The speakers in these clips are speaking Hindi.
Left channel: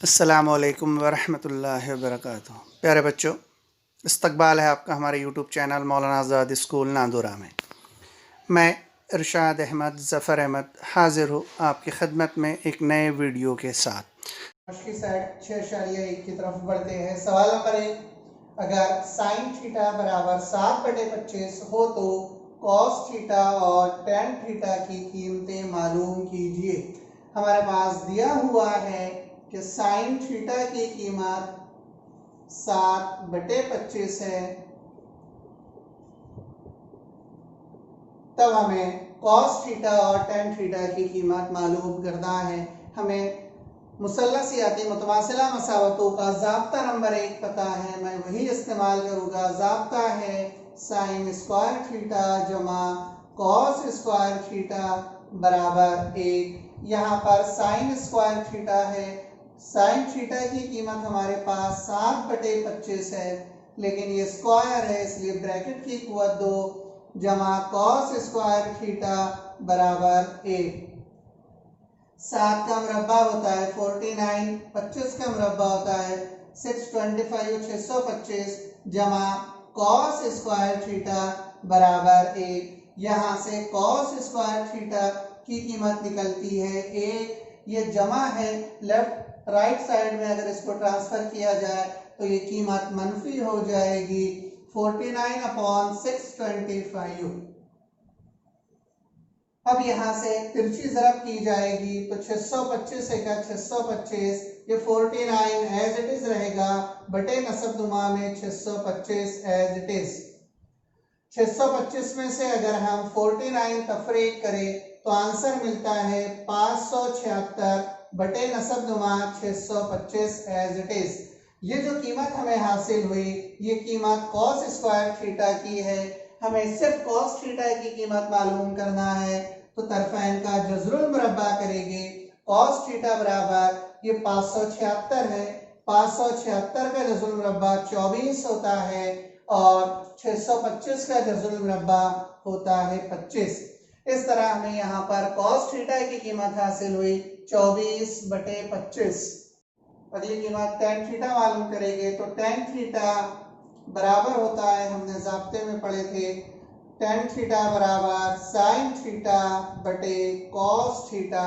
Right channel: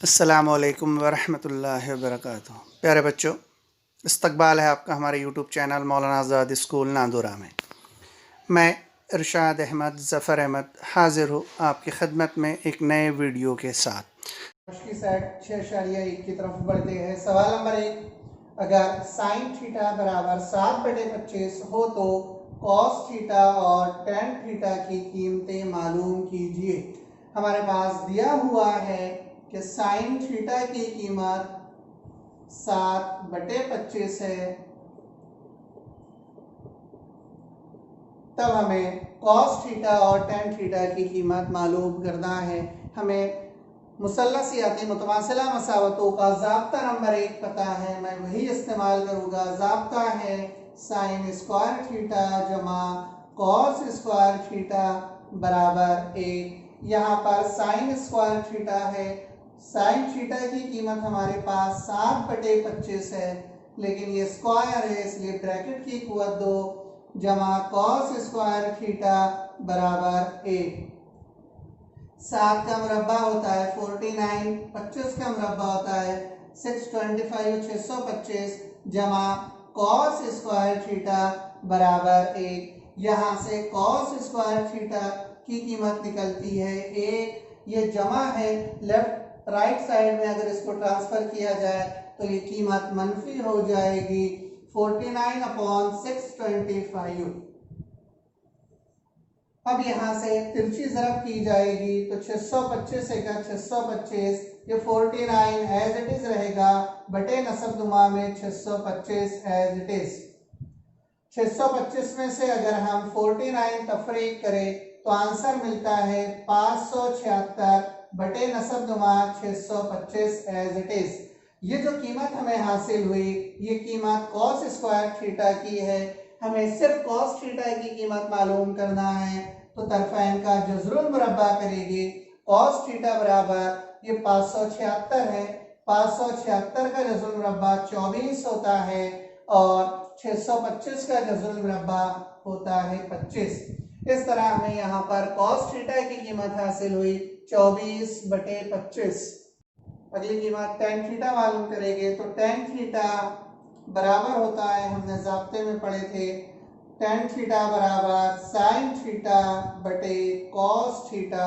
अस्सलामुअलैकुम वरहमतुल्लाहि वबरकातुहू। प्यारे बच्चों, इस्तकबाल है आपका हमारे यूट्यूब चैनल मौलाना आज़ाद स्कूल नांदुरा में। मैं इरशाद अहमद ज़फ़र अहमद हाज़िर हूँ आपकी खिदमत में एक नए वीडियो के साथ। की सेट 6.1 की तरफ बढ़ते हैं। सवाल नंबर 1, अगर साइन थीटा बराबर 7/25 हो तो कॉस थीटा और टेन थीटा की कीमतें मालूम कीजिए। हमारे पास दिया हुआ है कि साइन थीटा की कीमत 7/25 है, तब हमें कॉस थीटा और टेन थीटा की कीमत मालूम करना है। हमें मुसल्लसियाती मुतवासिला मसावतों का ज़ाब्ता नंबर 1 पता है, मैं वही इस्तेमाल करूँगा। ज़ाब्ता है साइन स्क्वायर थीटा जमा कॉस स्क्वायर थीटा बराबर 1। यहाँ पर साइन स्क्वायर थीटा है, साइन थीटा की कीमत हमारे पास 7/25 है, लेकिन ये स्क्वायर है इसलिए ब्रैकेट की कुव्वत 2 जमा कॉस स्क्वायर थीटा बराबर 1। 7 का मुरब्बा होता है 49, 25 का मुरब्बा होता है 625, 625 जमा कॉस स्क्वायर थीटा बराबर 1। यहाँ से कॉस स्क्वायर थीटा की कीमत निकलती है 1। ये जमा है, लेफ्ट राइट साइड में अगर इसको ट्रांसफर किया जाए तो ये कीमत मनफी हो जाएगी 49/625। अब यहाँ से तिरछी ज़रब की जाएगी तो 625 का 625, ये 49 एज इट इज रहेगा बटे नसबनुमा में 625 एज इट इज। 625 में से अगर हम 49 तफरीक करें तो आंसर मिलता है 576 बटे नसबनुमा 625 एज इट इज। ये जो कीमत हमें हासिल हुई ये कीमत कॉस स्क्वायर थीटा की है। हमें सिर्फ कॉस थीटा की कीमत मालूम करना है तो तरफैन का जज़रुल मुरब्बा करेंगे। कॉस थीटा बराबर ये 576 है, 576 का जज़रुल मुरब्बा 24 होता है और 625 का जज़रुल मुरब्बा होता है 25। इस तरह हमें यहाँ पर कॉस थीटा की कीमत हासिल हुई 24/25। अगली कीमत टेन थीटा मालूम करेंगे तो टेन थीटा बराबर होता है, हमने ज़ाब्ते में पढ़े थे, टेन थीटा बराबर साइन थीटा बटे कॉस थीटा।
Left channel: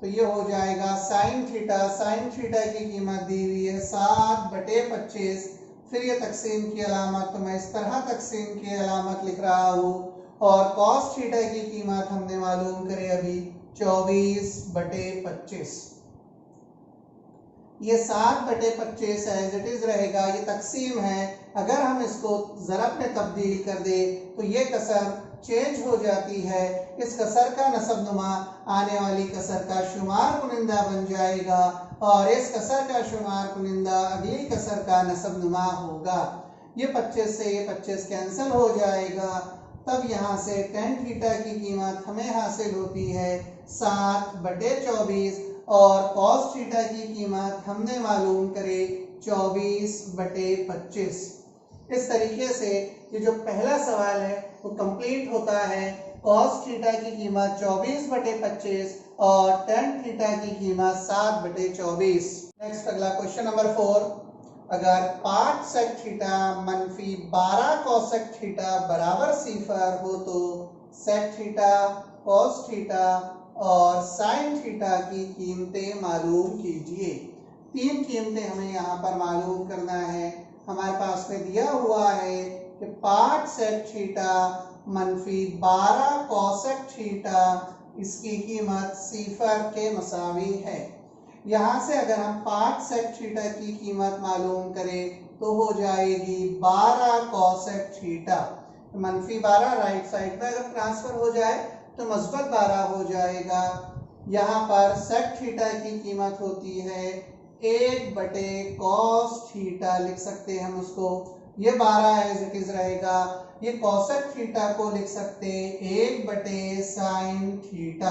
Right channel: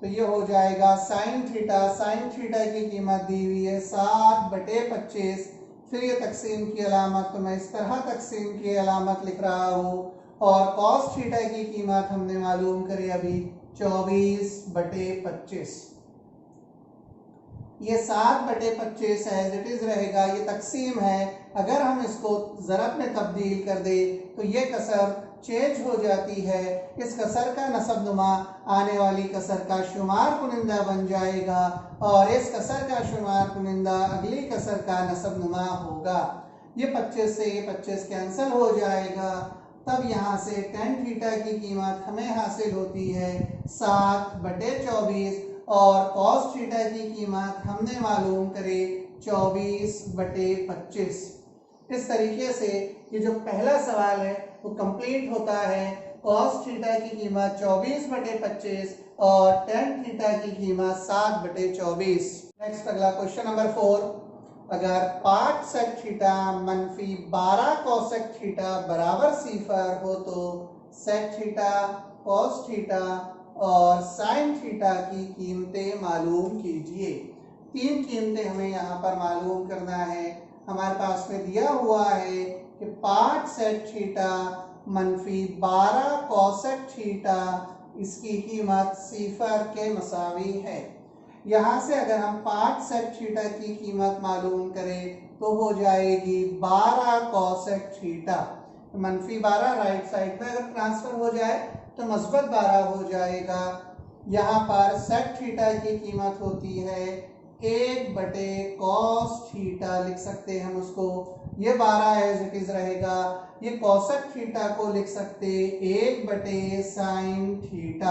तो ये हो जाएगा साइन थीटा की कीमत दी हुई है 7/25। फिर ये तकसीम की अलामत तो मैं इस तरह तकसीम की अलामत लिख रहा हूँ और कॉस थीटा की कीमत हमने मालूम करी अभी 24/25। ये 7/25 एज इट इज रहेगा, ये तकसीम है। अगर हम इसको ज़रब में तब्दील कर दे तो ये कसर चेंज हो जाती है। इस कसर का नसबनुमा आने वाली कसर का शुमार कुनिंदा बन जाएगा और इस कसर का शुमार कुनिंदा अगली कसर का नसबनुमा होगा। ये 25 से ये 25 कैंसिल हो जाएगा। तब यहाँ से टेन थीटा की कीमत हमें हासिल होती है 7/24 और कॉस थीटा की कीमत हमने मालूम करे 24/25। इस तरीके से ये जो पहला सवाल है वो कंप्लीट होता है। कॉस थीटा की कीमत 24/25 और टेन थीटा की कीमत 7/24। नेक्स्ट अगला क्वेश्चन नंबर 4, अगर 5 सेक थीटा मनफी 12 कॉसेक थीटा बराबर 0 हो तो सेक थीटा, कॉस थीटा और साइन थीटा की कीमतें मालूम कीजिए। 3 कीमतें हमें यहाँ पर मालूम करना है। हमारे पास में दिया हुआ है कि 5 सेक थीटा मनफी 12 कॉसेक थीटा, इसकी कीमत 0 के मसावी है। यहाँ से अगर हम 5 सेक थीटा की कीमत मालूम करें तो हो जाएगी 12 कॉसेक थीटा। मनफी 12 राइट साइड में अगर ट्रांसफर हो जाए तो मस्बत 12 हो जाएगा। यहाँ पर सेक थीटा की कीमत होती है 1/कॉस थीटा, लिख सकते हैं हम उसको, ये 12 एज इट इज रहेगा। ये कॉसेक थीटा को लिख सकते 1/साइन थीटा।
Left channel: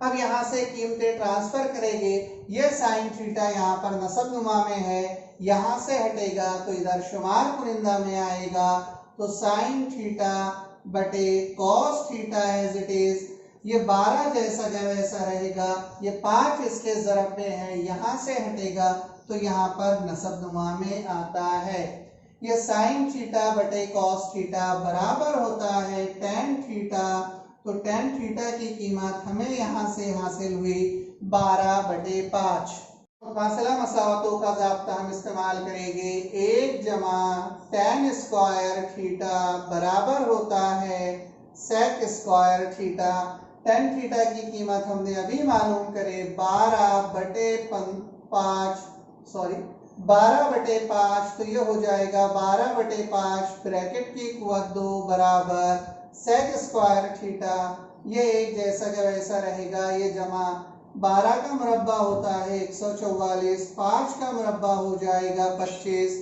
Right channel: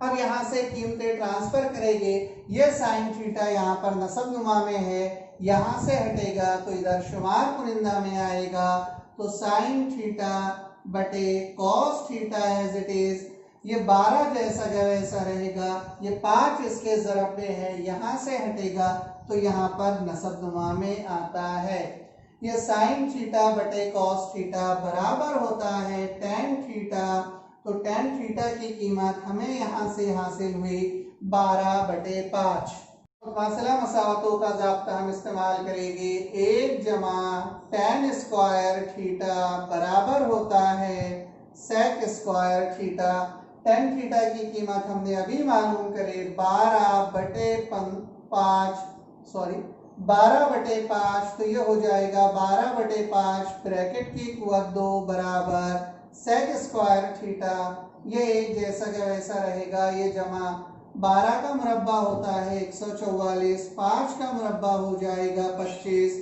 अब यहाँ से कीमतें ट्रांसफर करेंगे। ये साइन थीटा यहाँ पर नसबनुमा में है, यहाँ से हटेगा तो इधर शुमार कुनिंदा में आएगा। तो साइन थीटा बटे cos theta as it is ये 12 जैसा का वैसा रहेगा, ये 5 इसके ज़रब में है, यहाँ से हटेगा तो यहाँ पर नसबनुमा में आता है। ये साइन थीटा बटे कॉस थीटा बराबर होता है टेन थीटा। तो टेन थीटा की कीमत हमें यहाँ से हासिल हुई 12/5। फासला मसावतों का ज़ाब्ता हम इस्तेमाल करेंगे। 1 जमा टेन स्क्वायर थीटा बराबर होता है sec square theta. Tan theta की कीमत हमने अभी मालूम करे 12/5, तो ये हो जाएगा 12/5 ब्रैकेट की कुवत 2 बराबर सेक स्क्वायर थीटा। ये एक जैसा का वैसा रहेगा, ये जमा 12 का मुरब्बा होता है 144, 5 का मुरब्बा हो जाएगा 25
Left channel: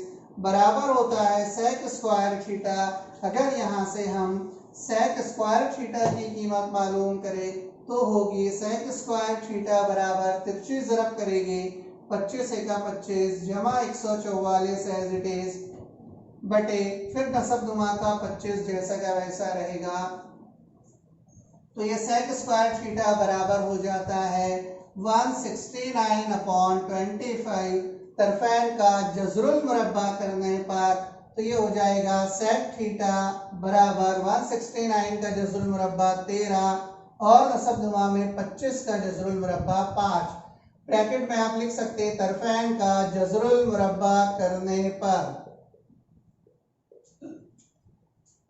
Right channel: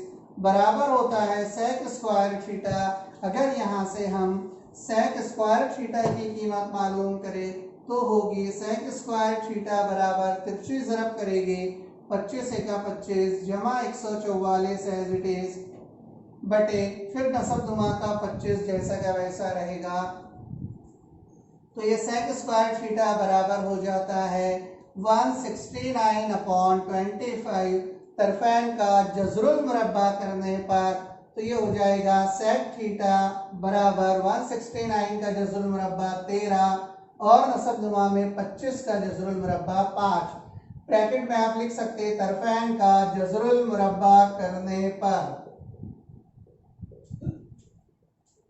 बराबर होता है सेक स्क्वायर थीटा। अगर यहाँ से हम सेक स्क्वायर थीटा की कीमत मालूम करें तो होगी सेक स्क्वायर थीटा बराबर तिरछी ज़रब करेंगे 25 एका 25 जमा 144 एज इट इज बटे फिर नसबनुमा का 25 जैसा का वैसा रहेगा। तो ये सेक स्क्वायर थीटा बराबर हो जाता है 169/25। तरफैन का जज़रुल मुरब्बा करने पर तो ये हो जाएगा सेक थीटा बराबर 169 का जज़रुल मुरब्बा 13 और नसबनुमा में 25 का जज़रुल मुरब्बा 5। ब्रैकेट में आप लिख सकते हैं तरफैन का जज़रुल मुरब्बा करने पर।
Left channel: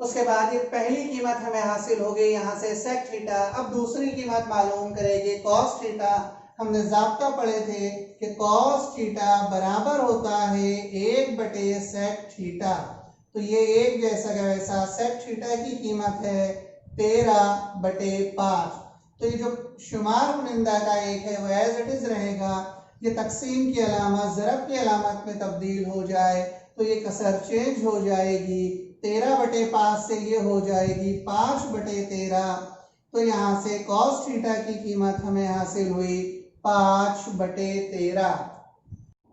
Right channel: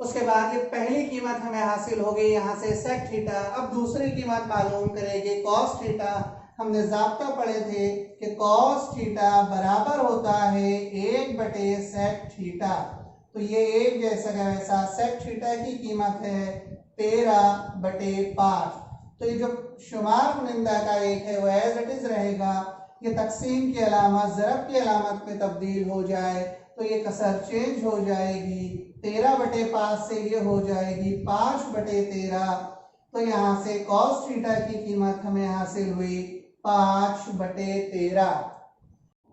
उसके बाद ये पहली कीमत हमें हासिल हो गई यहाँ से सेक थीटा। अब दूसरी कीमत मालूम करेंगे कॉस थीटा। हमने ज़ाब्ता पढ़े थे कि कॉस थीटा बराबर होता है 1/सेक थीटा। तो ये एक जैसा का वैसा सेक थीटा की कीमत है 13/5। तो ये जो शुमार कुनिंदा का एक है वो एज इट इज रहेगा। ये तकसीम की अलामत ज़रब की अलामत में तब्दील हो जाए तो ये कसर चेंज हो जाएगी, 13/5 से ये हो जाएगी 5/13। तो यहाँ से कॉस थीटा की कीमत हमें हासिल हुई 5/13।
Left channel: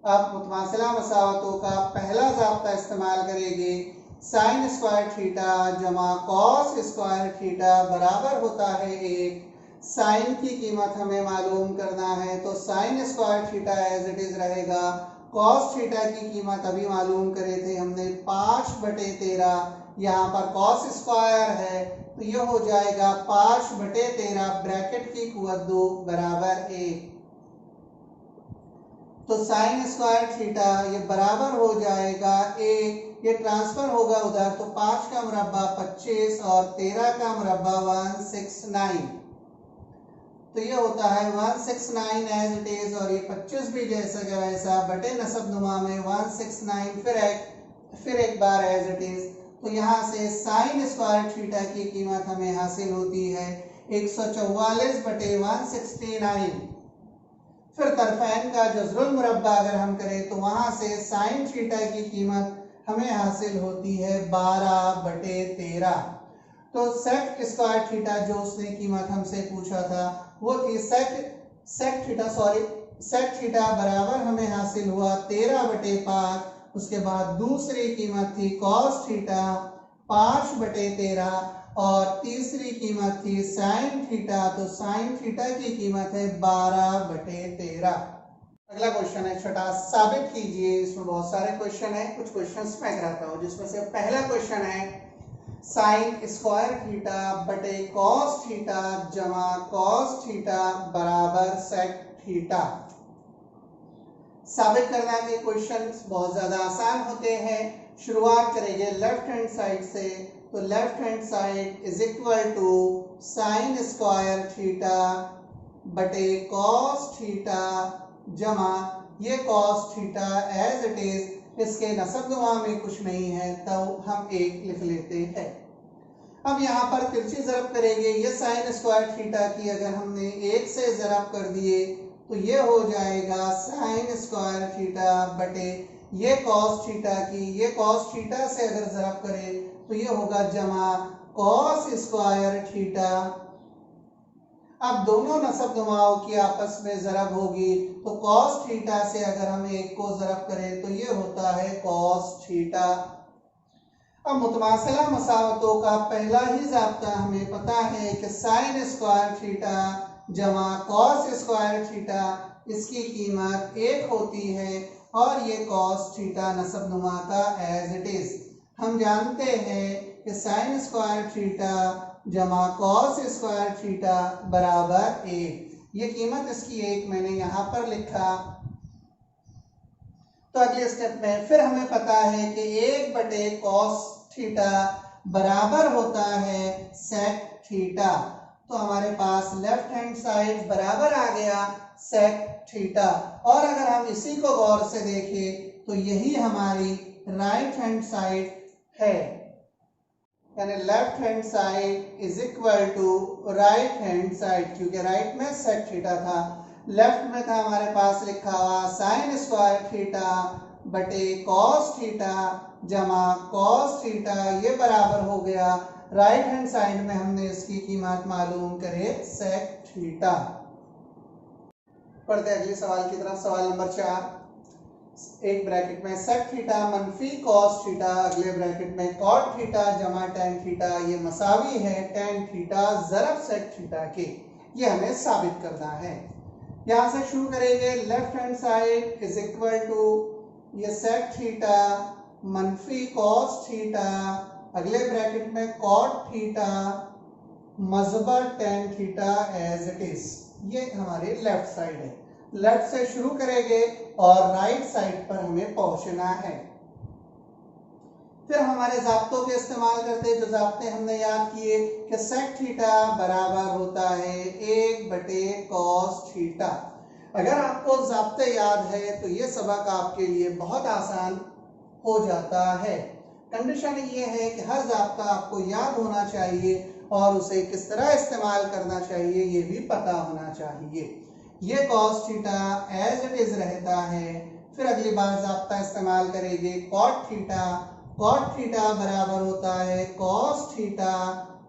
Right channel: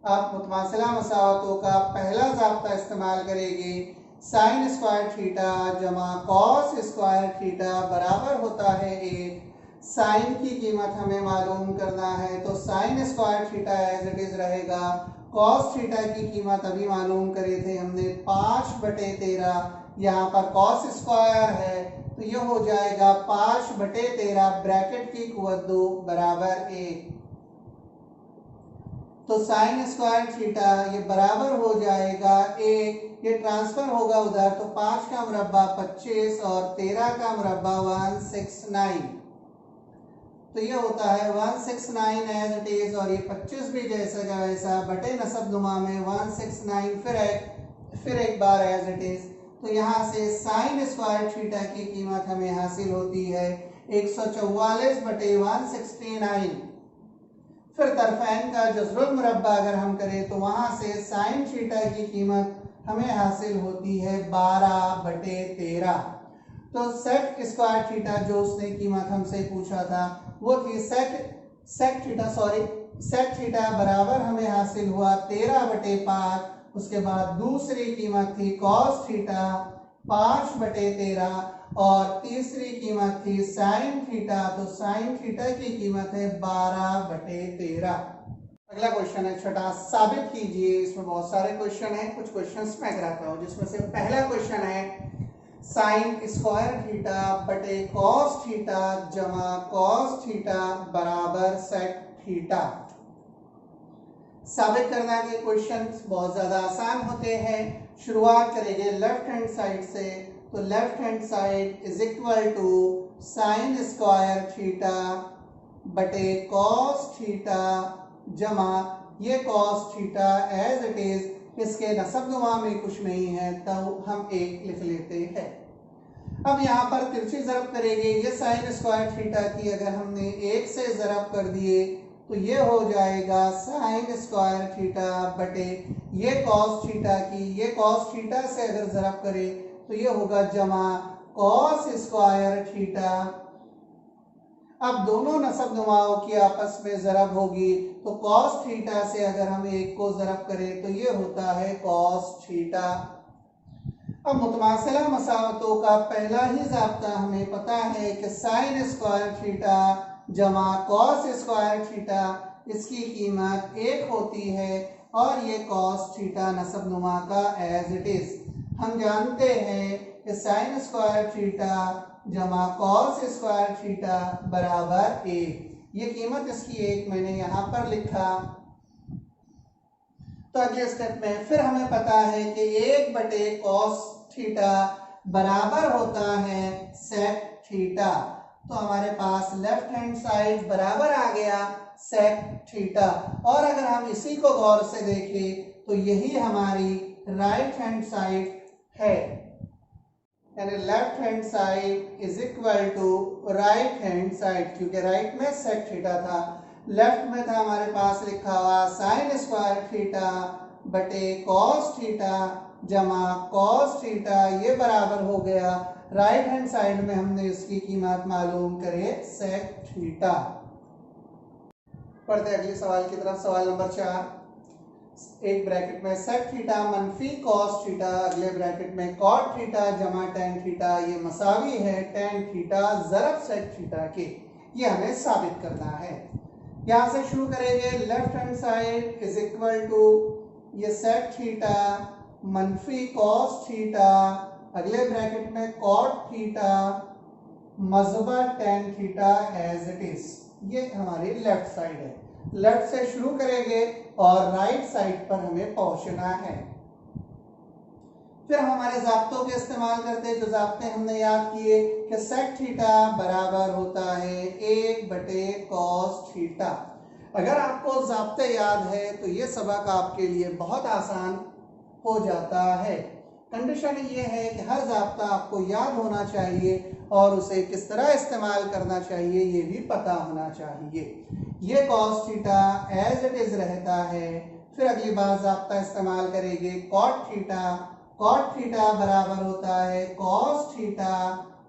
अब मुतमासिला मसावतों का पहला ज़ाब्ता इस्तेमाल करेंगे। साइन स्क्वायर थीटा जमा कॉस स्क्वायर थीटा बराबर होता है 1। साइन की कीमत हमें मालूम करना है तो sine square theta as it is रहेगा। कॉस थीटा की कीमत अभी मालूम करे थे हमने 5/13। यहाँ पर कॉस स्क्वायर है तो ये हो जाएगा 5/13 ब्रैकेट की कुवत 2 बराबर 1। तो साइन स्क्वायर थीटा ये बराबर हो जाएगा 1। ये ट्रांसफर होगा उधर तो 5 का मुरब्बा 25 और 13 का मुरब्बा 169। तो ये होता है 169 एज इट इज और ये 25 भी जैसा का वैसा बटे नसबनुमा में 169 फिर एक बार एज इट इज। तो यहाँ से साइन स्क्वायर थीटा की कीमत हमें हासिल होती है 144/169। फिर तरफैन का जज़रुल मुरब्बा अगर हम करें तो वहाँ से साइन थीटा की कीमत हमें हासिल होती है 12/13। तो सेक स्क्वायर थीटा जो उसने कीमत हमसे पूछा था वो थी सेक थीटा बराबर हमें हासिल हुआ 13/5। उसके बाद दूसरी कीमत थी कॉस थीटा 5/13 और तीसरी कीमत थी साइन थीटा। तो साइन थीटा की कीमत है 12/13। अगला क्वेश्चन है छठा, साबित कीजिए। इसमें बहुत सारे क्वेश्चन हैं, कुछ क्वेश्चंस मैं कराता हूँ जिसमें से पहला क्वेश्चन है साइन स्क्वायर थीटा बटे कॉस थीटा जमा कॉस थीटा बराबर सेक थीटा। साबित करना के क्वेश्चन बहुत ज़्यादा आसान होते हैं। शुरुआत करेंगे लेफ्ट हैंड साइड से। तो left hand side is equal to sine square theta बटे कॉस थीटा जमा ये cos theta as it is, इसके नसबनुमा में कुछ नहीं है तो हम 1 लिख लेते हैं। अब यहाँ पर तिरछी ज़रब करेंगे। ये साइन स्क्वायर थीटा की अगर हमने 1 से ज़रब कर दिए तो ये हो जाएगा साइन स्क्वायर थीटा बटे ये कॉस थीटा की, ये कॉस थीटा से अगर ज़रब करें तो ये होगा जमा कॉस स्क्वायर थीटा। अब दोनों नसबनुमाओं की आपस में ज़रब होगी तो कॉस थीटा से अगर हम 1 को ज़रब करें तो ये होता है कॉस थीटा। अब मुतमासिला मसावतों का पहला ही ज़ाब्ता हमें पता है कि साइन स्क्वायर थीटा जमा कॉस स्क्वायर थीटा, इसकी कीमत 1 होती है और ये कॉस थीटा नसब नुमा का एज इट इज। हम जानते हैं कि साइन स्क्वायर थीटा जमा कॉस स्क्वायर थीटा बराबर 1। ये कीमत इसकी 1 मैंने यहाँ पर लिखा। तो अगले स्टेप में फिर हमें पता है कि 1 कॉस थीटा बराबर होता है सेक थीटा। तो हमारे पास लेफ्ट हैंड साइड बराबर आ गया सेक थीटा। और अगर हम इसी को गौर से देखें तो यही हमारी राइट हैंड साइड है, यानी left hand side is equal to right hand side, क्योंकि राइट में सेक थीटा था, लेफ्ट में था हमारे पास लिखा हुआ साइन स्क्वायर थीटा बटे कॉस थीटा जमा कॉस थीटा, ये बराबर हो गया राइट हैंड साइड में हमने इसकी कीमत मालूम करे सेक थीटा। पढ़ते अगले सवाल की तरफ। सवाल नंबर 4, एक ब्रैकेट में सेक थीटा मनफी कॉस थीटा, अगले ब्रैकेट में कॉट थीटा जमा टेन थीटा, ये मसावी है टेन थीटा ज़रब सेक थीटा के। ये हमें साबित करना है। यहाँ से शुरू करेंगे, left hand side is equal to ये सेक थीटा मनफी कॉस थीटा, अगले ब्रैकेट में कॉट थीटा मज़बा tan theta as it is. ये हमारी लेफ्ट साइड है। लेफ्ट से शुरू करेंगे और राइट साइड पर हमें पहुंचना है। फिर हमारे ज़ाब्तों के इस्तेमाल करते, जो ज़ाब्ते हमने याद किए कि सेक थीटा बराबर होता है 1 कॉस थीटा। अगर आपको ज़ाब्ते याद है तो ये सबक आपके लिए बहुत आसान हो जाता है। कंडीशन ये है कि हर ज़ाब्ता आपको याद होना चाहिए और उसे किस तरह इस्तेमाल करना चाहिए ये भी पता होना चाहिए। ये cos theta as it is रहता है। फिर अगली बार ज़ाब्ता इस्तेमाल करेंगे कॉट थीटा। कॉट थीटा बराबर होता है कॉस थीटा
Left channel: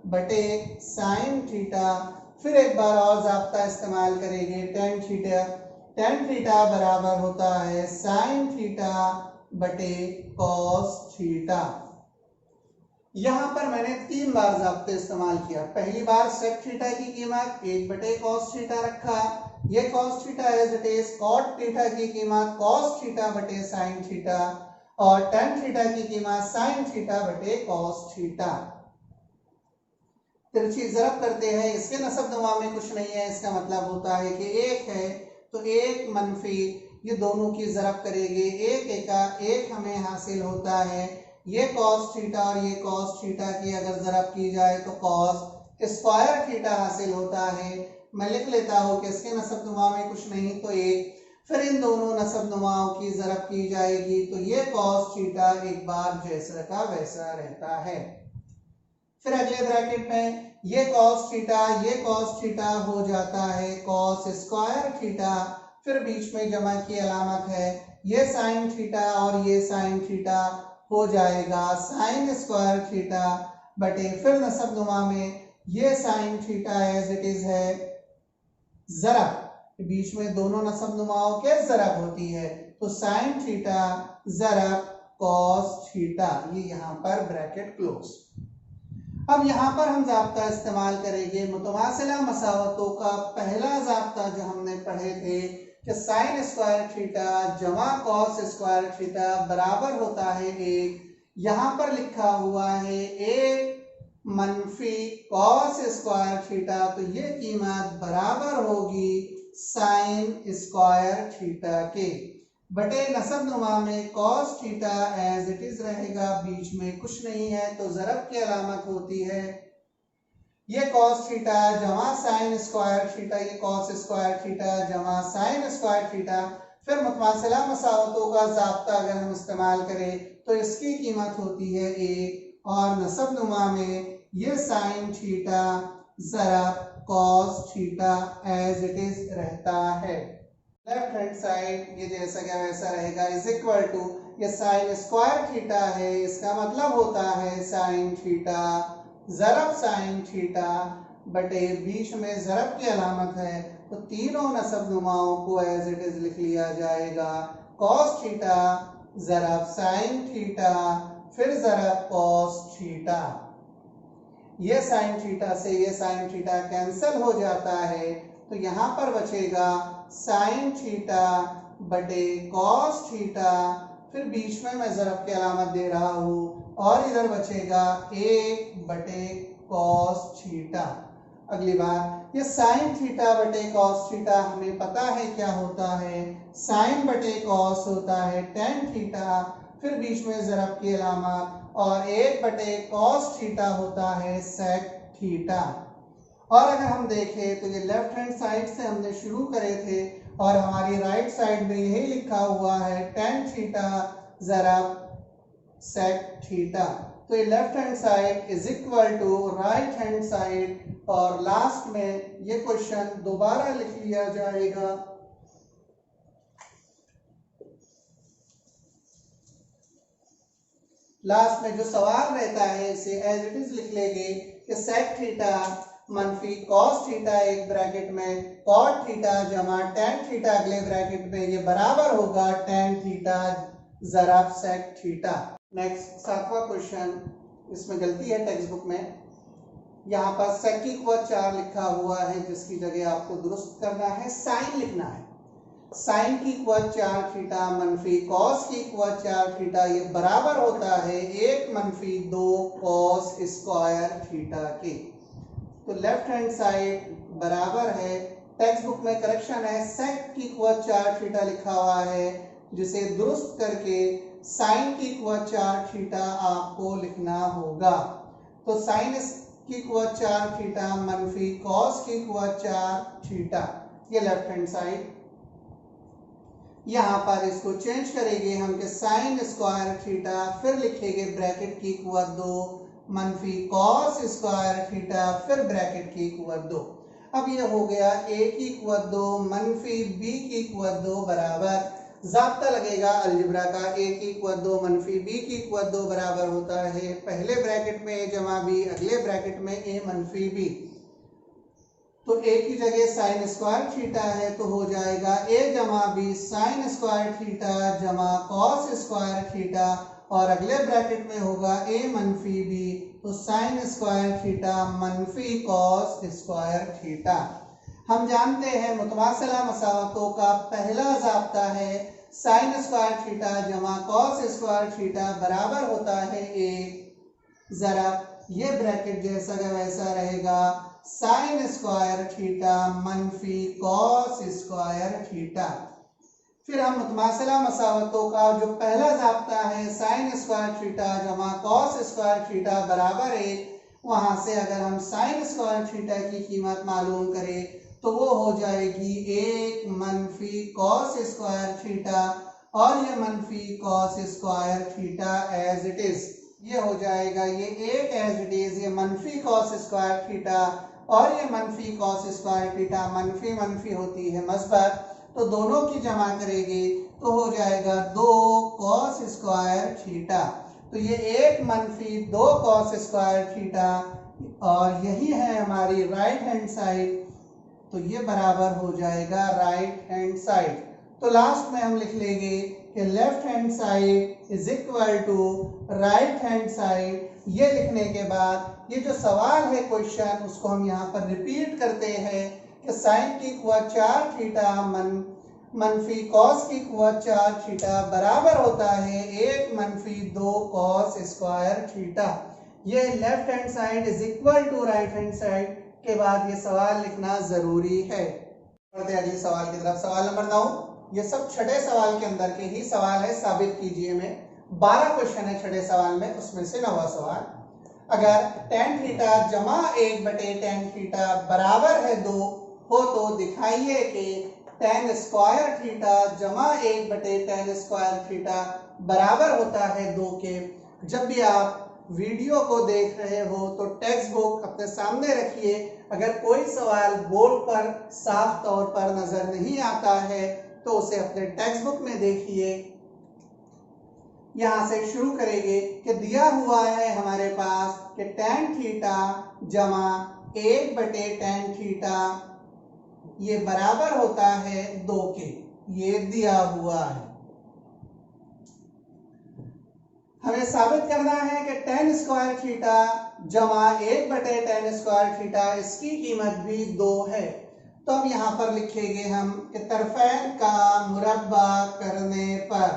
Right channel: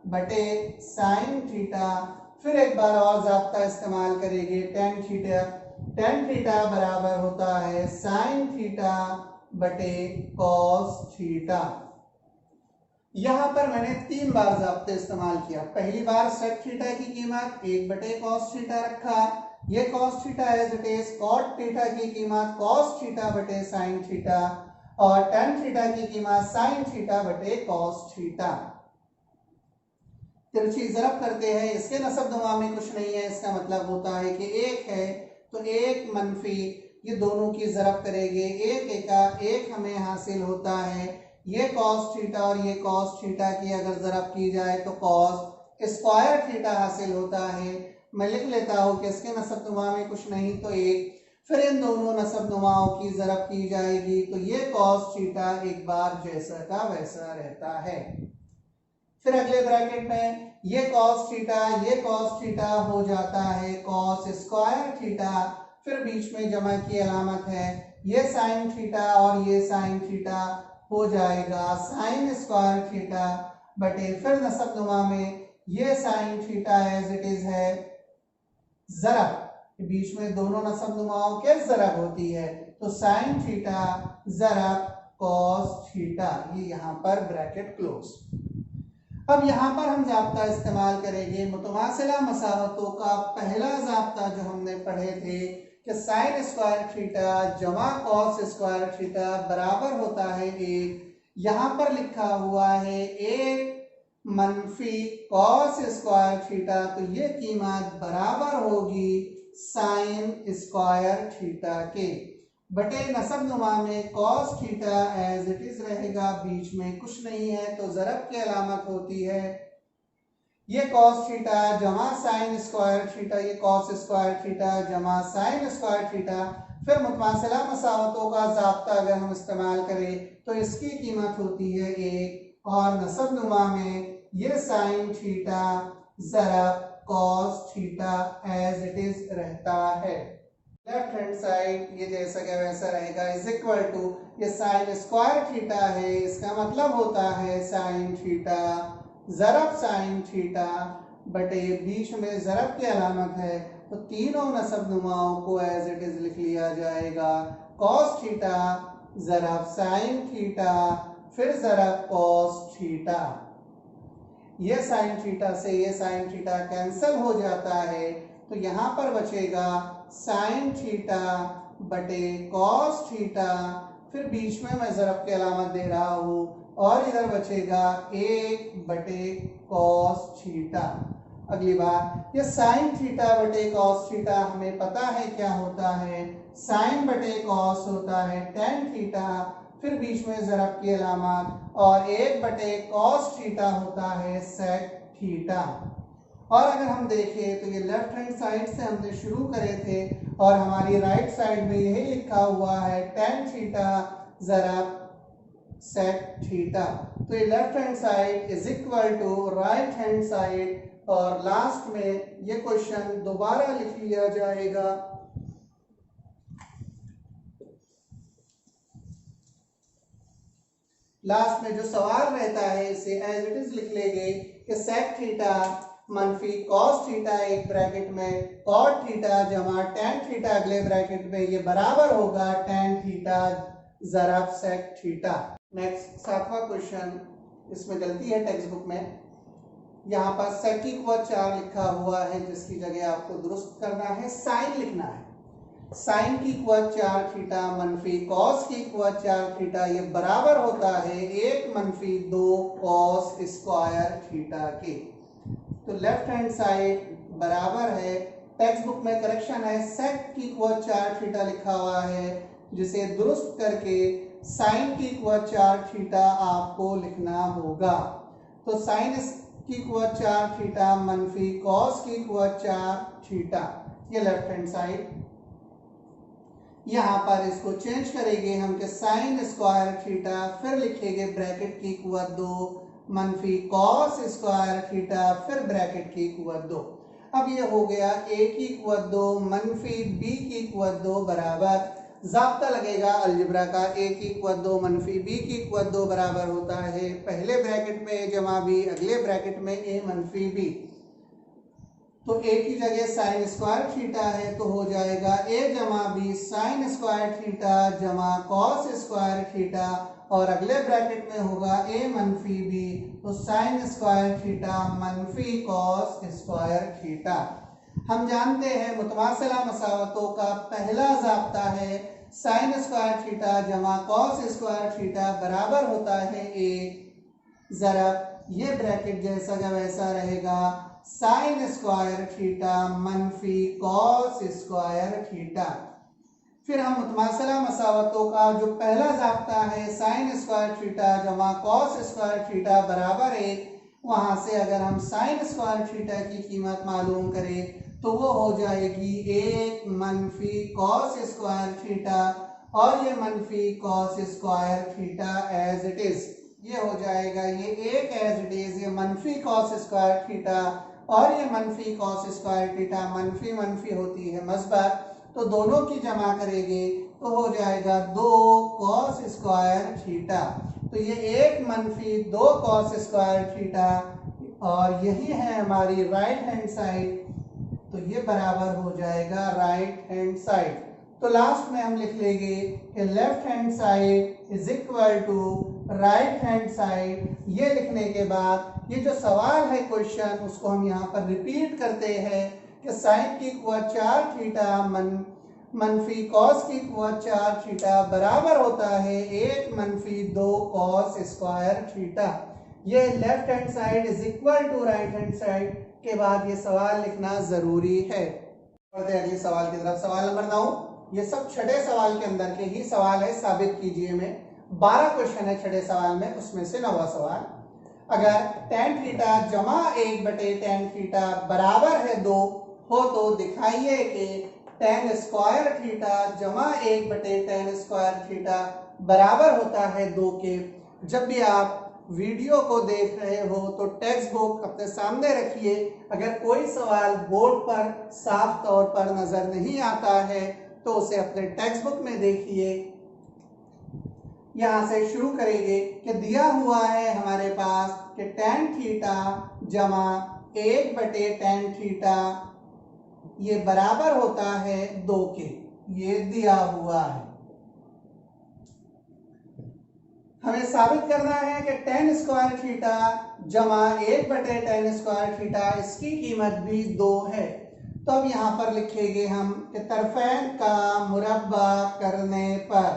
बटे साइन थीटा। फिर एक बार और ज़ाब्ता इस्तेमाल करेंगे टेन थीटा। टेन थीटा बराबर होता है साइन थीटा बटे कॉस थीटा। यहाँ पर मैंने 3 बार ज़ाब्ते इस्तेमाल किया। पहली बार सेक थीटा की कीमत 1 कॉस थीटा रखा, ये cos theta as it is. Cot theta की कीमत कॉस थीटा बटे साइन थीटा और टेन थीटा की कीमत साइन थीटा बटे कॉस थीटा। तिरछी ज़रब करते हैं, इसके नसब नुमा में कुछ नहीं है, इसका मतलब होता है कि 1 है तो 1 मनफी, ये दोनों की ज़रब करेंगे, 1 एका 1 हमें हासिल होता है। ये कॉस थीटा और ये कॉस थीटा की अगर ज़रब की जाए तो कॉस स्क्वायर थीटा हासिल होता है। मैं लिख लेता हूँ कि इसके नसब नुमा में कुछ नहीं तो 1। फिर इन दोनों नसब नुमाओं की ज़रब की जाएगी तो ये कॉस थीटा एक बार जैसा का वैसा रहता है। फिर अगले ब्रैकेट में ये कॉस थीटा हो जाता है कॉस स्क्वायर थीटा। फिर बीच में जमा की अलामत है, ये साइन थीटा और ये साइन थीटा हो जाएगा साइन स्क्वायर थीटा बटे, फिर नसब नुमा में ये sine theta as it is है ज़रब, बीच में दोनों नसब नुमाओं के ज़रब होती है तो साइन थीटा ज़रब कॉस थीटा। ये यहाँ पर ब्रैकेट क्लोज। अब यहाँ पर हम ज़ाब्ता इस्तेमाल करेंगे मुतमासिला मसावतों का पहला ज़ाब्ता जो हमने पढ़े थे कि साइन स्क्वायर थीटा जमा कॉस स्क्वायर थीटा बराबर होता है 1। यहाँ पर लिखा हुआ है 1 मनफी कॉस स्क्वायर थीटा, तो ये कीमत बराबर होगी साइन स्क्वायर थीटा के बटे नसब नुमा में cos theta as it is रहेगा, बीच में कुछ नहीं है तो ज़रब की अलामत होती है। ये कॉस थीटा जमा साइन स्क्वायर थीटा, ये कॉस स्क्वायर थीटा जमा साइन स्क्वायर थीटा। फिर मुतमासिला मसावतों का ज़ाब्ता अगर हम इस्तेमाल करें तो इसकी कीमत होती है 1 और नसब नुमा में ये साइन थीटा ज़रब cos theta as it is रहता है। लेफ्ट हैंड साइड ये जैसा क्या वैसा रहेगा इज इक्वल टू ये साइन स्क्वायर थीटा है, इसका मतलब होता है साइन थीटा ज़रब साइन थीटा बटे बीच में ज़रब की अलामत है तो तीनों नसब नुमाओं को एज इट इज लिख लिया जाएगा कॉस थीटा ज़रब साइन थीटा। फिर जरा cos थीटा। ये साइन थीटा से ये साइन थीटा कैंसिल हो जाता है, तो यहां पर बचेगा साइन थीटा बटे कॉस थीटा, फिर बीच में मैं ज़रब की अलामत दे रहा हूं, और इधर बचेगा 1 बटे कॉस थीटा। अगली बार ये साइन थीटा बटे कॉस थीटा हमें पता है क्या होता है, साइन बटे कॉस होता है टेन थीटा, फिर बीच में ज़रब की अलामत, और 1 बटे कॉस थीटा होता है सेक थीटा। और अगर हम देखें तो ये लेफ्ट हैंड साइड से हमने शुरू करे थे, और हमारी राइट साइड में यही लिखा हुआ है टेन थीटा ज़रब सेक थीटा। तो ये left hand side is equal to right hand side, और लास्ट में ये क्वेश्चन दोबारा लिख लिया जाएगा। लास्ट में जो सवाल रहता है इसे एज इट इज लिख लेंगे कि सेक थीटा मनफी कॉस थीटा एक ब्रैकेट में, कॉट थीटा जमा टेन थीटा अगले ब्रैकेट में, ये बराबर होगा टेन थीटा ज़रब सेक थीटा। नेक्स्ट 7वां क्वेश्चन, इसमें गलती है टेक्स्ट बुक में, यहाँ पर सेक की कुवत 4 लिखा हुआ है, जिसकी जगह आपको दुरुस्त करना है साइन लिखना है। साइन की कुवत 4 थीटा मनफी कॉस की कुवत 4 थीटा, ये बराबर होता है 1 मनफी 2 कॉस स्क्वायर थीटा के। तो लेफ्ट हैंड साइड बराबर है, टेक्स्ट बुक में करेक्शन है, सेक की कुवत 4 थीटा लिखा हुआ है, जिसे दुरुस्त करके साइन की कुवत 4 थीटा आपको लिखना होगा। तो साइन की कुवत 4 थीटा मनफी कॉस की कुवत 4 थीटा, ये लेफ्ट हैंड साइड। यहाँ पर इसको चेंज करेंगे हम कि साइन स्क्वायर थीटा, फिर लिखेंगे ब्रैकेट की कुवत 2 मनफी कॉस स्क्वायर थीटा, फिर ब्रैकेट की कुवत 2। अब ये हो गया a की कुवत 2 मनफी b की कुवत 2 बराबर, ज़ाब्ता लगेगा अलजेब्रा का, a की कुवत 2 मनफी b की कुवत 2 बराबर होता है पहले ब्रैकेट में a जमा b, अगले ब्रैकेट में a मनफी b। तो a की जगह साइन स्क्वायर थीटा है, तो हो जाएगा a जमा b साइन स्क्वायर थीटा जमा कॉस स्क्वायर थीटा, और अगले ब्रैकेट में होगा a मनफी b, तो साइन स्क्वायर थीटा मनफी कॉस स्क्वायर थीटा। हम जानते हैं मुतमासिला मसावतों का पहला ज़ाब्ता है साइन स्क्वायर थीटा जमा कॉस स्क्वायर थीटा बराबर होता है a ज़रब, ये ब्रैकेट जैसा का वैसा रहेगा साइन स्क्वायर थीटा मनफी कॉस स्क्वायर थीटा। फिर हम मुतमासिला मसावतों का जो पहला ज़ाब्ता है साइन स्क्वायर थीटा जमा कॉस स्क्वायर थीटा बराबर 1, वहाँ से अगर हम साइन स्क्वायर थीटा की कीमत मालूम करें तो वो हो जाएगी 1 मनफी कॉस स्क्वायर थीटा, और ये मनफी cos square theta as it is, ये हो जाएगा ये 1 एज इट इज, ये मनफी कॉस स्क्वायर थीटा, और ये मनफी कॉस स्क्वायर थीटा मनफी मनफी होती है मस्बर, तो दोनों की जमा करेंगे तो हो जाएगा 2 कॉस स्क्वायर थीटा। तो ये 1 मनफी 2 कॉस स्क्वायर थीटा, और यही है हमारी राइट हैंड साइड, तो ये बराबर हो जाएगा राइट हैंड साइड। तो लास्ट में हम लिख लेंगे कि left hand side is equal to right hand side. ये लिखने के बाद ये जो सवाल है क्वेश्चन, उसको हम यहाँ पर रिपीट करते हैं कि साइन की कुवत 4 थीटा मनफी कॉस की कुवत 4 थीटा बराबर होता है 1 मनफी 2 कॉस स्क्वायर थीटा। ये left hand side is equal to right hand side के बाद ये सवाल लिखना जरूरी है। बढ़ते हैं अगले सवाल की तरफ। सवाल नंबर 9, ये सब छठे सवाल के अंदर के ही सवाल है, साबित कीजिए में 12 क्वेश्चन है छठे सवाल में, उसमें से 9वां सवाल, अगर tan थीटा जमा 1 बटे tan थीटा बराबर है 2 हो तो दिखाइए कि tan स्क्वायर थीटा जमा 1 बटे tan स्क्वायर थीटा बराबर होता है 2 के। जब भी आप वीडियो को देख रहे हो तो टेक्स्ट बुक अपने सामने रखिए, अगर कोई सवाल बोर्ड पर साफ तौर पर नजर नहीं आता है तो उसे अपने टेक्स्ट बुक में देखिए। यहाँ से शुरू करेंगे कि दिया हुआ है हमारे पास कि tan थीटा जमा 1 बटे tan थीटा ये बराबर होता है 2 के, ये दिया हुआ है। हमें साबित करना है कि tan स्क्वायर थीटा जमा 1/tan स्क्वायर थीटा इसकी कीमत भी 2 है। तो अब यहाँ पर लिखेंगे हम कि तरफैन का मुरब्बा करने पर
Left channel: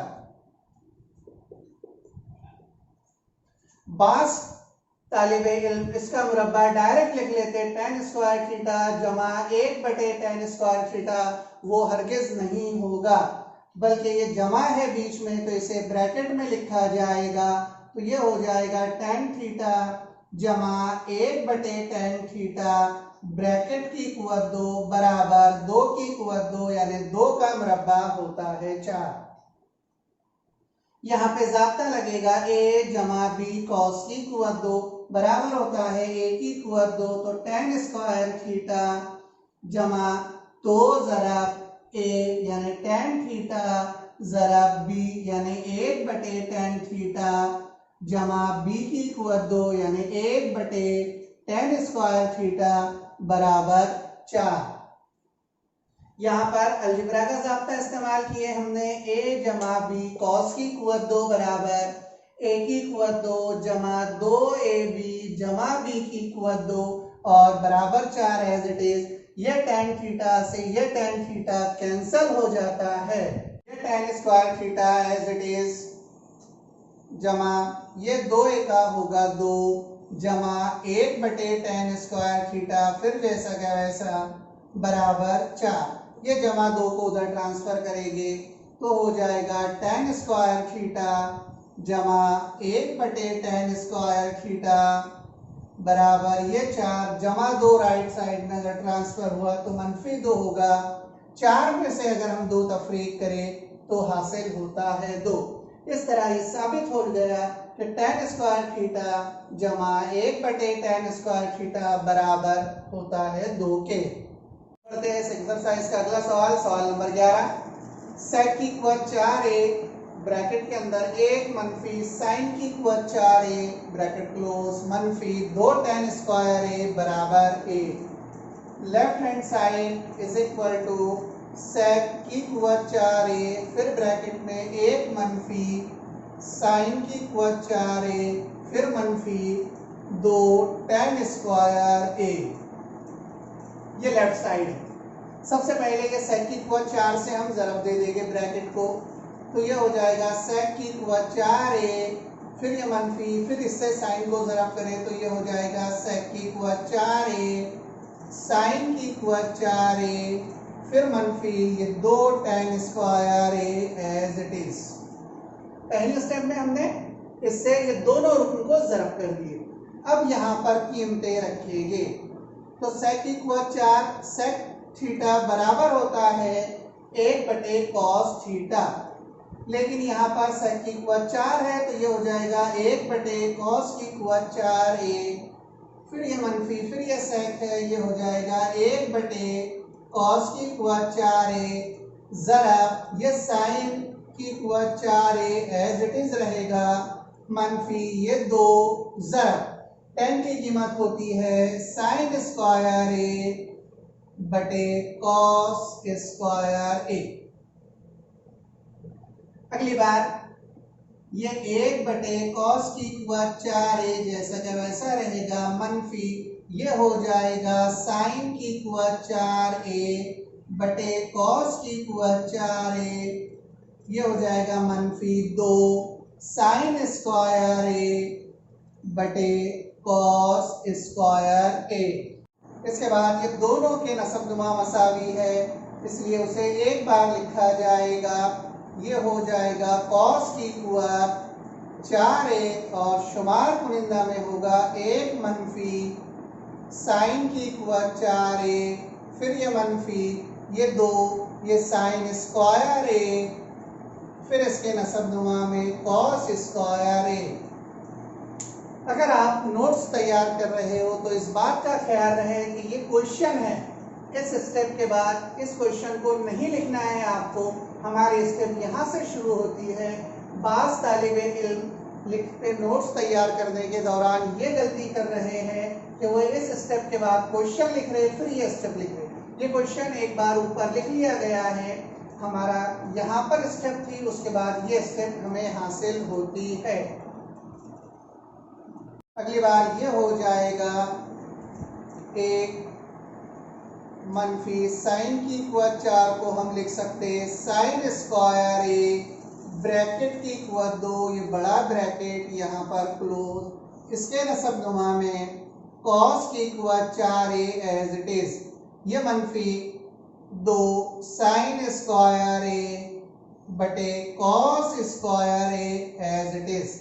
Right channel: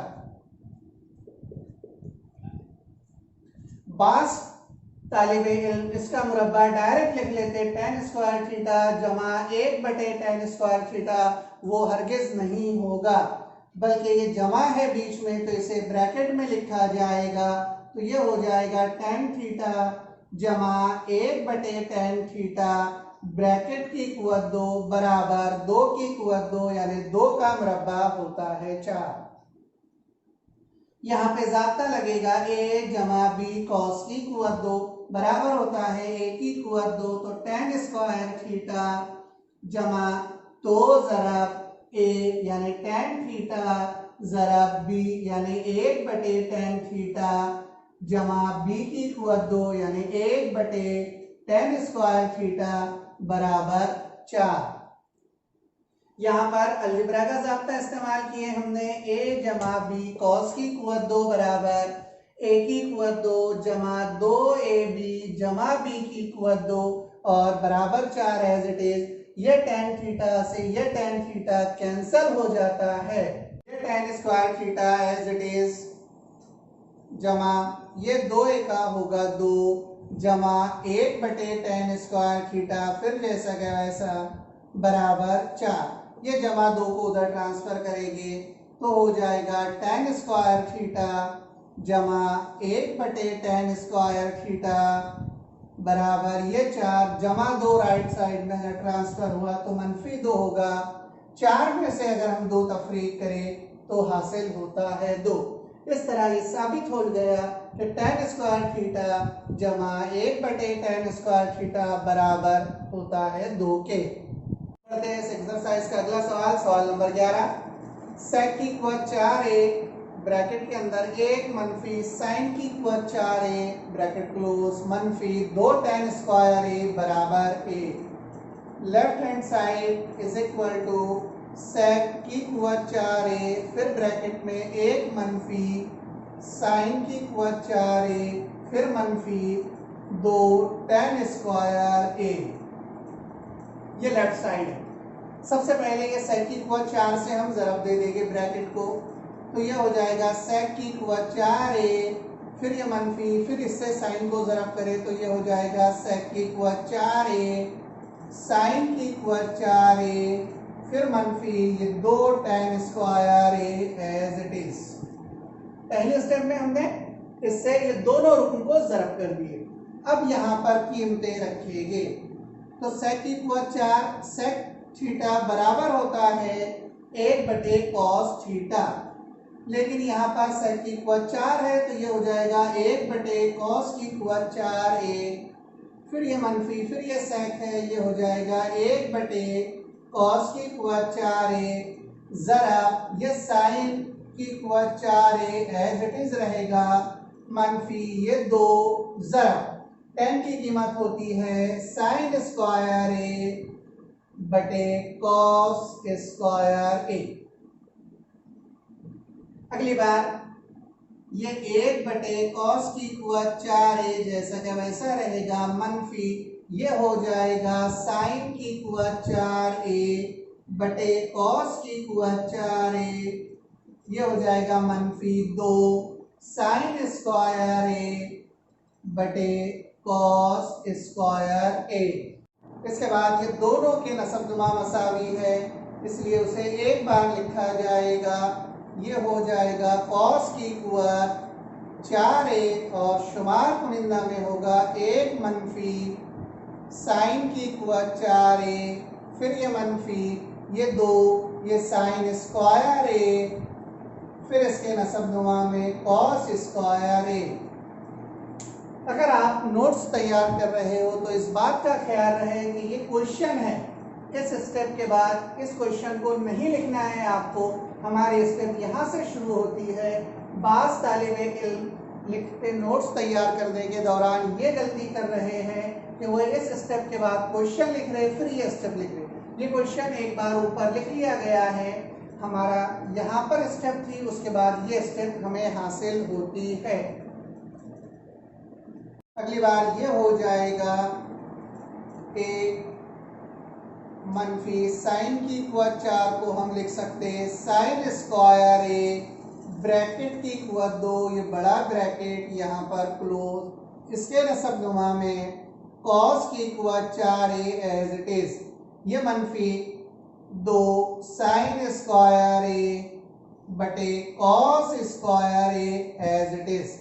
बास तालिबे इल्म इसका मुरब्बा डायरेक्ट लिख लेते tan स्क्वायर थीटा जमा 1/tan स्क्वायर थीटा, वो हरगिज नहीं होगा बल्कि ये जमा है बीच में तो इसे ब्रैकेट में लिखा जाएगा। तो ये हो जाएगा tan थीटा जमा 1/tan थीटा ब्रैकेट की कुव्वत 2 बराबर 2 की कुव्वत 2 यानी 2 का मुरब्बा होता है 4। यहाँ पे ज़ाब्ता लगेगा a जमा बी कॉस की कुव्वत 2 बराबर होता है a की कुव्वत 2, तो tan स्क्वायर थीटा जमा 2 ज़रब a यानी tan थीटा ज़रब b यानी 1/tan थीटा जमा b की कुव्वत 2 यानी 1/tan स्क्वायर थीटा बराबर 4। यहाँ पर अलजेब्रा का ज़ाब्ता इस्तेमाल किए हमने a जमा बी कॉस की कुव्वत 2 बराबर a की कुव्वत 2 जमा 2ab जमा b की कुव्वत 2 और बराबर 4 एज इट इज। ये tan थीटा से ये tan थीटा कैंसिल हो जाता है। ये tan square theta as it is जमा ये 2a का होगा 2 जमा 1/tan स्क्वायर थीटा फिर जैसा का वैसा बराबर 4। ये जमा 2 को उधर ट्रांसफर करेंगे तो हो जाएगा tan स्क्वायर थीटा जमा 1/tan स्क्वायर थीटा बराबर ये 4 जमा 2 राइट साइड में अगर ट्रांसफर हुआ तो -2 होगा। 4 में से अगर हम 2 तफरीक करें तो हासिल होता है 2। इस तरह ये साबित हो गया कि tan स्क्वायर थीटा जमा 1/tan स्क्वायर थीटा बराबर होता है 2 के। करते हैं इस एक्सरसाइज का अगला सवाल, सवाल नंबर 11। sec की कुव्वत 4a ब्रैकेट के अंदर 1 मनफी sin की कुव्वत 4a ब्रैकेट क्लोज मनफी 2 tan स्क्वायर a बराबर a। Left hand side is equal to sec की कुव्वत 4a फिर ब्रैकेट में 1 मनफी sin की कुव्वत 4a फिर मनफी 2 tan स्क्वायर a। ये लेफ्ट साइड है। सबसे पहले ये sec की कुव्वत 4 से हम ज़रब दे देंगे ब्रैकेट को, तो ये हो जाएगा sec की कुव्वत 4a फिर ये मनफी फिर इससे साइन को ज़रब करें तो ये हो जाएगा sec की कुव्वत 4a sin की कुव्वत 4a फिर मनफी ये 2 tan square a as it is. पहले स्टेप में हमने इससे ये दोनों रुकन को ज़रब कर दिए। अब यहाँ पर कीमतें रखिएगे तो sec की कुव्वत 4 sec थीटा बराबर होता है 1/cos थीटा, लेकिन यहाँ पर sec की कुव्वत 4 है तो ये हो जाएगा 1/cos की कुव्वत 4a फिर ये मनफी फिर ये sec है ये हो जाएगा 1/cos की कुव्वत 4a ज़रा ये sin की कुव्वत 4a एज इट इज रहेगा मनफी ये 2 ज़रा tan की कीमत होती है sin स्क्वायर a बटे cos स्क्वायर a। अगली बार ये 1/cos की कुव्वत 4a जैसा का वैसा रहेगा मनफी ये हो जाएगा sin की कुव्वत 4a बटे cos की कुव्वत 4a ये हो जाएगा मनफी 2 sin स्क्वायर a बटे cos स्क्वायर a। इसके बाद ये दोनों के नसबनुमा मसावी है इसलिए उसे एक बार लिखा जाएगा। ये हो जाएगा cos की कुव्वत 4a और शुमार कुनिंदा में होगा 1 मनफी sin की कुव्वत 4a फिर ये मनफी ये 2 ये sin स्क्वायर a फिर इसके नसबनुमा में cos स्क्वायर a। अगर आप नोट्स तैयार कर रहे हो तो इस बात का ख्याल रहे कि ये क्वेश्चन है, इस स्टेप के बाद इस क्वेश्चन को नहीं लिखना है आपको। हमारी स्टेप यहाँ से शुरू होती है। बास तालिबे इल्म लिखते नोट्स तैयार करने के दौरान ये गलती कर रहे हैं कि वो इस स्टेप के बाद क्वेश्चन लिख रहे फिर ये स्टेप लिख रहे। ये क्वेश्चन एक बार ऊपर लिख लिया गया है, हमारा यहाँ पर स्टेप थी उसके बाद ये स्टेप हमें हासिल होती है। अगली बार ये हो जाएगा एक मनफी साइन की कुवत 4 को हम लिख सकते हैं साइन स्क्वायर ए ब्रैकेट की कुवत 2, ये बड़ा ब्रैकेट यहाँ पर क्लोज, इसके नसब नुमा में कॉस की कुवत 4 ए एज इट इज, ये मनफी 2 साइन स्क्वायर ए बटे cos square a as it is.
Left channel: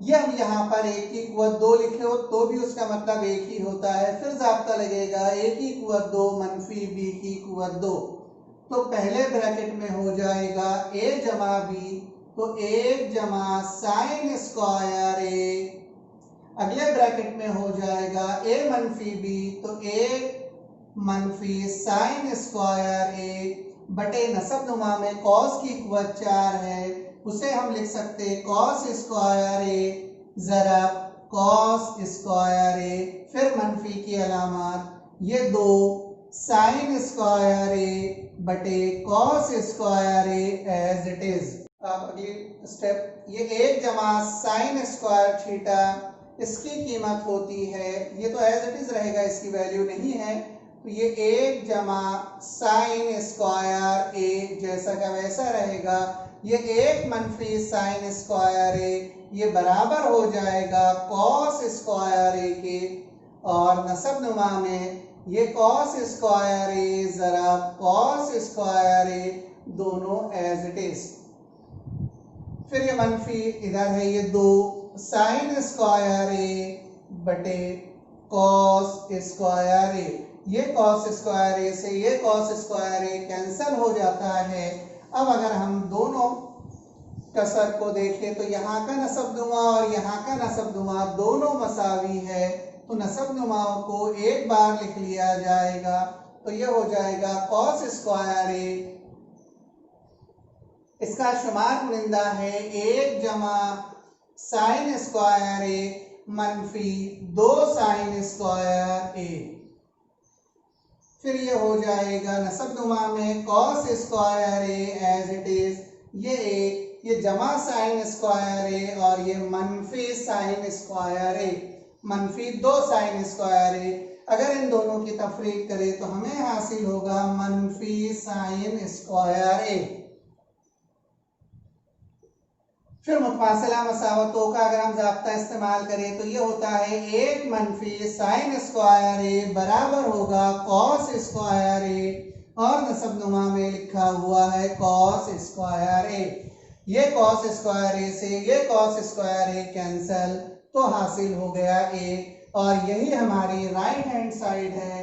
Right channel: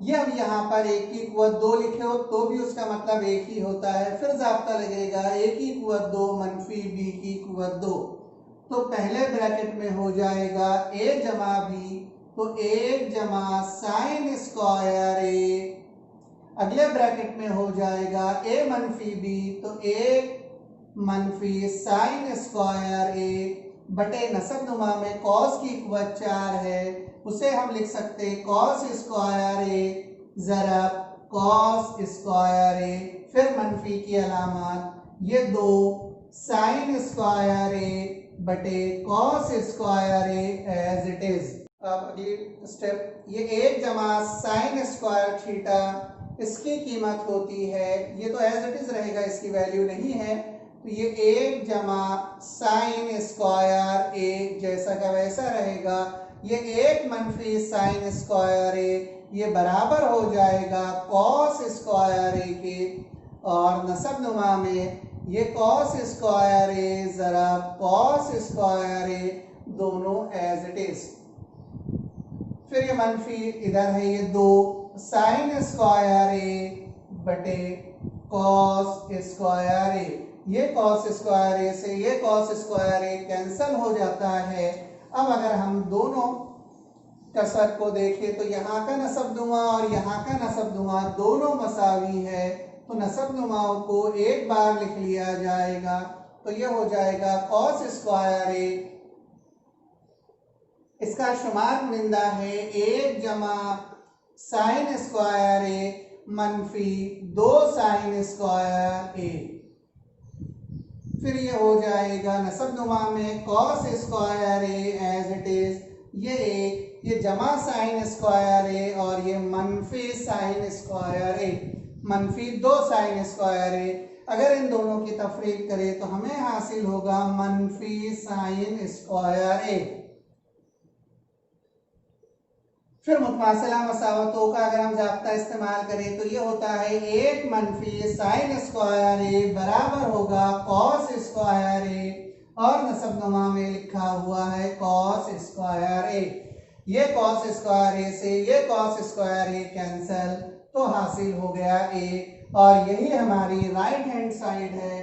ये हम यहाँ पर ए की कुवत 2 लिखे हो तो भी उसका मतलब एक ही होता है। फिर ज़ाब्ता लगेगा ए की कुवत 2 मनफी बी की कुवत 2, तो पहले ब्रैकेट में हो जाएगा ए जमा बी, तो 1 जमा साइन स्क्वायर ए, अगले ब्रैकेट में हो जाएगा ए मनफी बी, तो 1 मनफी साइन स्क्वायर ए बटे नसब नुमा में कॉस की कुवत 4 है, उसे हम लिख सकते हैं कॉस स्क्वायर ए ज़रब कॉस स्क्वायर ए, फिर मनफी की अलामत, ये 2 साइन स्क्वायर ए बटे cos square a as it is. अब अगली स्टेप, ये 1 जमा साइन स्क्वायर थीटा, इसकी कीमत होती है, ये तो एज इट इज रहेगा, इसकी वैल्यू नहीं है, तो ये 1 जमा साइन स्क्वायर ए जैसा का वैसा रहेगा, ये 1 मनफी साइन स्क्वायर ए, ये बराबर हो जाएगा कॉस स्क्वायर ए के, और नसब नुमा में ये कॉस स्क्वायर ए ज़रा कॉस स्क्वायर ए दोनों एज इट इज। फिर ये मनफी इधर है, ये 2 साइन स्क्वायर ए बटे कॉस स्क्वायर ए, ये कॉस स्क्वायर ए से ये कॉस स्क्वायर ए कैंसल हो जाता है। अब अगर हम दोनों कसर को देखें तो यहाँ का नसब नुमा और यहाँ का नसब नुमा दोनों मसावी है, तो नसब नुमाओं को एक बार लिख लिया जाएगा, तो ये हो जाएगा कॉस स्क्वायर ए, इसका शुमार कुनिंदा है 1 जमा साइन स्क्वायर ए मनफी 2 साइन स्क्वायर ए, फिर ये हो जाएगा नसब नुमा में cos square a as it is, ये एक, ये जमा साइन स्क्वायर ए और ये मनफी साइन स्क्वायर ए, मनफी 2 साइन स्क्वायर ए, अगर इन दोनों की तफरीक करें तो हमें हासिल होगा मनफी साइन स्क्वायर ए। फिर मुतमासिला मसावतों का अगर हम ज़ाब्ता इस्तेमाल करें तो ये होता है 1 मनफी साइन स्क्वायर ए बराबर होगा कॉस स्क्वायर ए, और नसब नुमा में लिखा हुआ है कॉस स्क्वायर ए, ये कॉस स्क्वायर ए से ये कॉस स्क्वायर ए कैंसल, तो हासिल हो गया ए, और यही हमारी राइट हैंड साइड है,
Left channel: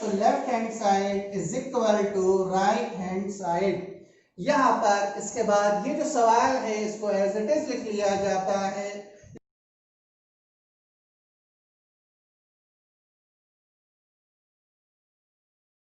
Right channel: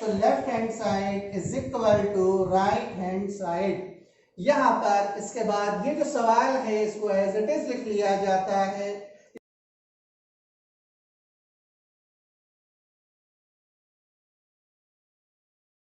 तो left hand side is equal to right hand side. यहाँ पर इसके बाद ये जो सवाल है इसको एज इट इज लिख लिया जाता है,